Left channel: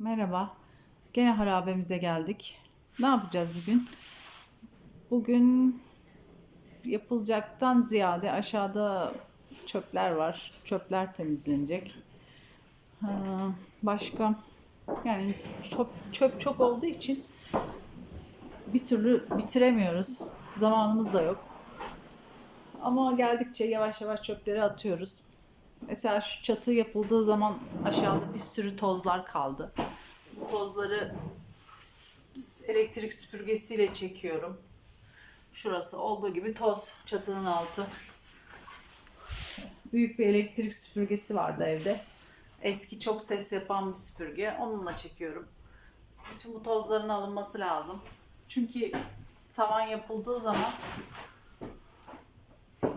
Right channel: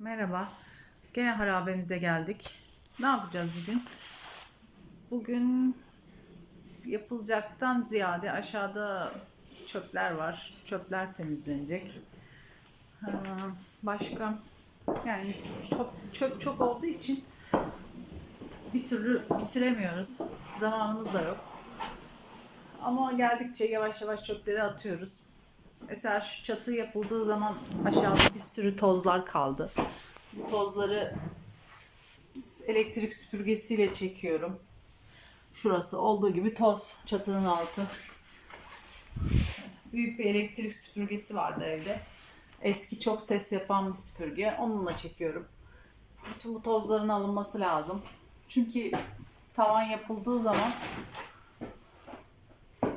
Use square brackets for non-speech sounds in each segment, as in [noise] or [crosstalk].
Merhaba. Gene harabemize geldik. Ne yapacağız bugün? Bugün yapılacaktan ziyade aşağıda çöpler var. Çöpler temizlenecek. Başka yani çöp, çöp çok olduğu için bir türlü bitiremiyoruz. Zamanımız da yok. Ama geldikçe yavaş yavaş çöpleri atıyoruz. Mesela şu çatı yapıldığı zaman aşağıda bir sürü tozlar kaldı. Bu tozları elektrik süpürgesiyle çekiyorum. Şurası olduğu gibi toz çatının altı. Büyük bir elektrik süpürgesi vardı evde. Eski çok ses yapan bir süpürge. Onunla çekiyorum. Bütün bu tozların alınması lazım. Çünkü tavan yapıldığı zaman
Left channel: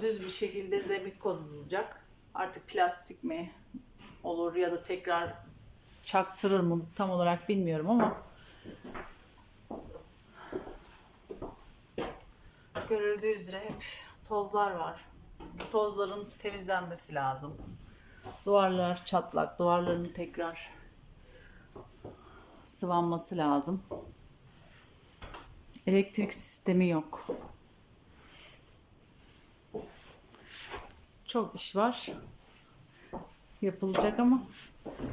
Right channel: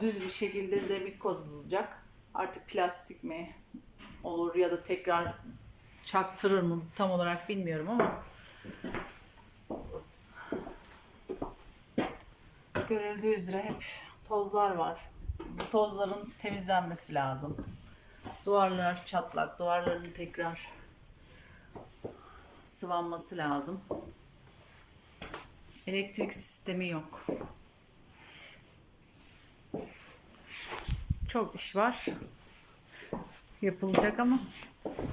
düz bir şekilde zemin konulacak. Artık plastik mi olur ya da tekrar çaktırır mı tam olarak bilmiyorum ama görüldüğü üzere hep tozlar var. Bu tozların temizlenmesi lazım. Duvarlar çatlak, duvarların tekrar sıvanması lazım. Elektrik sistemi yok. Çok iş var. Yapılacak ama.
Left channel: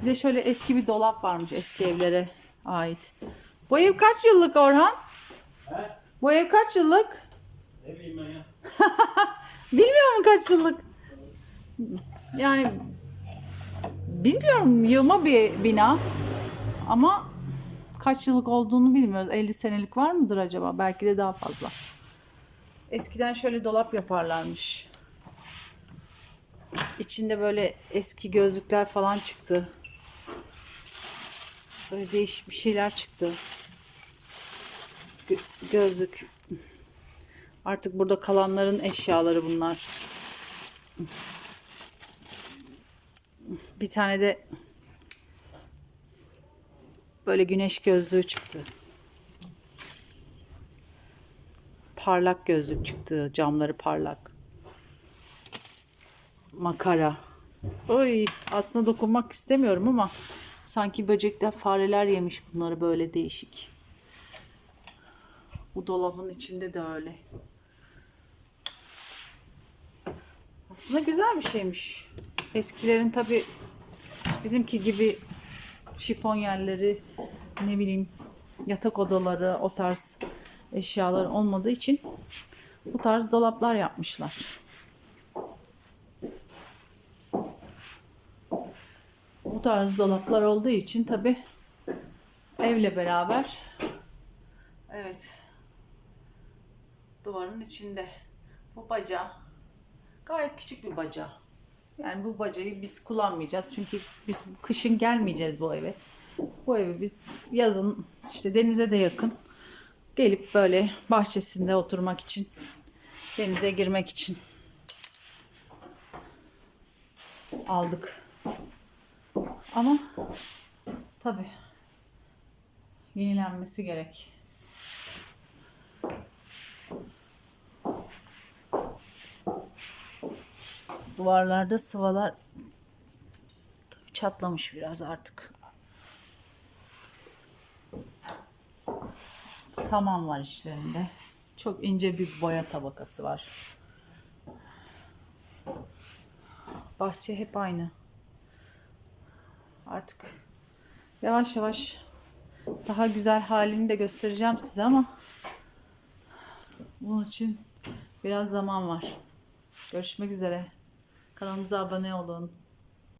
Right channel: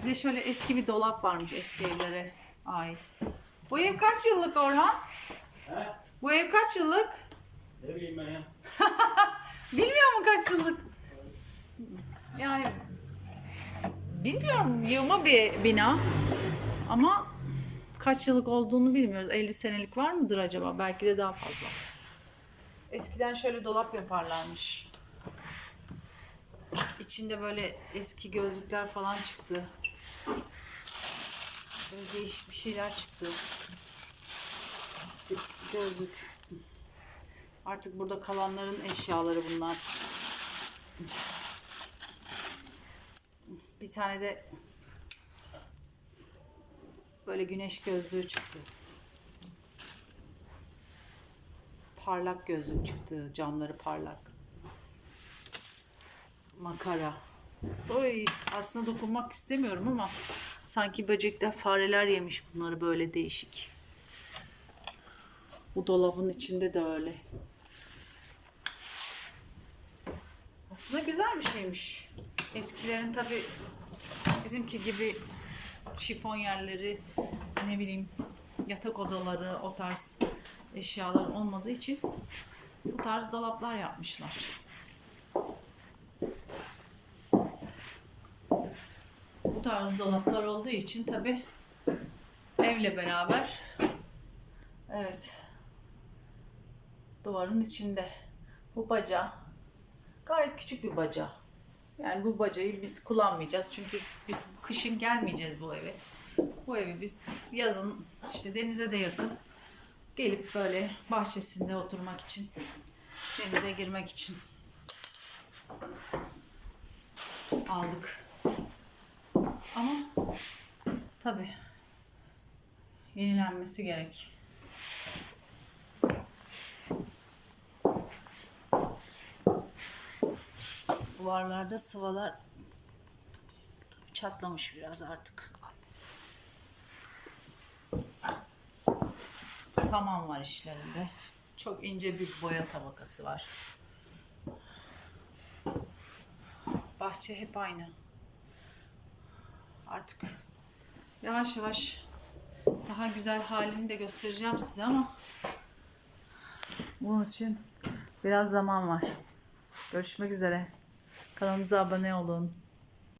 Bir de şöyle eski bir dolap varmış eski evlere ait. Bu ev kaç yıllık Orhan? He? Bu ev kaç yıllık? Ne bileyim ben ya. [laughs] Bilmiyor musun kaç yıllık? Yani bilmiyorum yığma bir bina ama kaç yıllık olduğunu bilmiyoruz. 50 senelik var mıdır acaba? Belki de daha fazla. Eskiden şöyle dolap yaparlarmış. İçinde böyle eski gözlükler falan çıktı. Böyle değişik bir şeyler çıktı. Gö- gözlük. Artık burada kalanların eşyaları bunlar. Bir tane de böyle güneş gözlüğü çıktı. Parlak gözlük çıktı. Camları parlak. Makara. Oy aslında dokunmak istemiyorum ama sanki böcekler fareler yemiş bunları böyle değişik. Bu dolabın içinde de öyle. Aslında güzel bir şeymiş. Eskilerin tabi bizimki gibi şifon yerleri ne bileyim yatak odaları o tarz eşyalar olmadığı için bu tarz dolaplar yapmışlar. Tarz dolaplar olduğu için tabi evle beraber evet duvarın içinde bu baca gayet küçük bir baca. Yani bu bacayı biz kullanmayacağız çünkü biz kışın gelmeyeceğiz bu eve. Bu evi biz yazın işte denize de yakın gelip böyle bahçesinde oturmak için denize girmek için aldık. Ama tabii yenilenmesi gerek. Duvarlarda sıvalar tabii çatlamış biraz artık. Saman var işlerinde. Çok ince bir boya tabakası var. Bahçe hep aynı. Artık yavaş yavaş daha güzel halini de göstereceğim size ama bunun için biraz zaman var. Görüşmek üzere. Kanalımıza abone olun.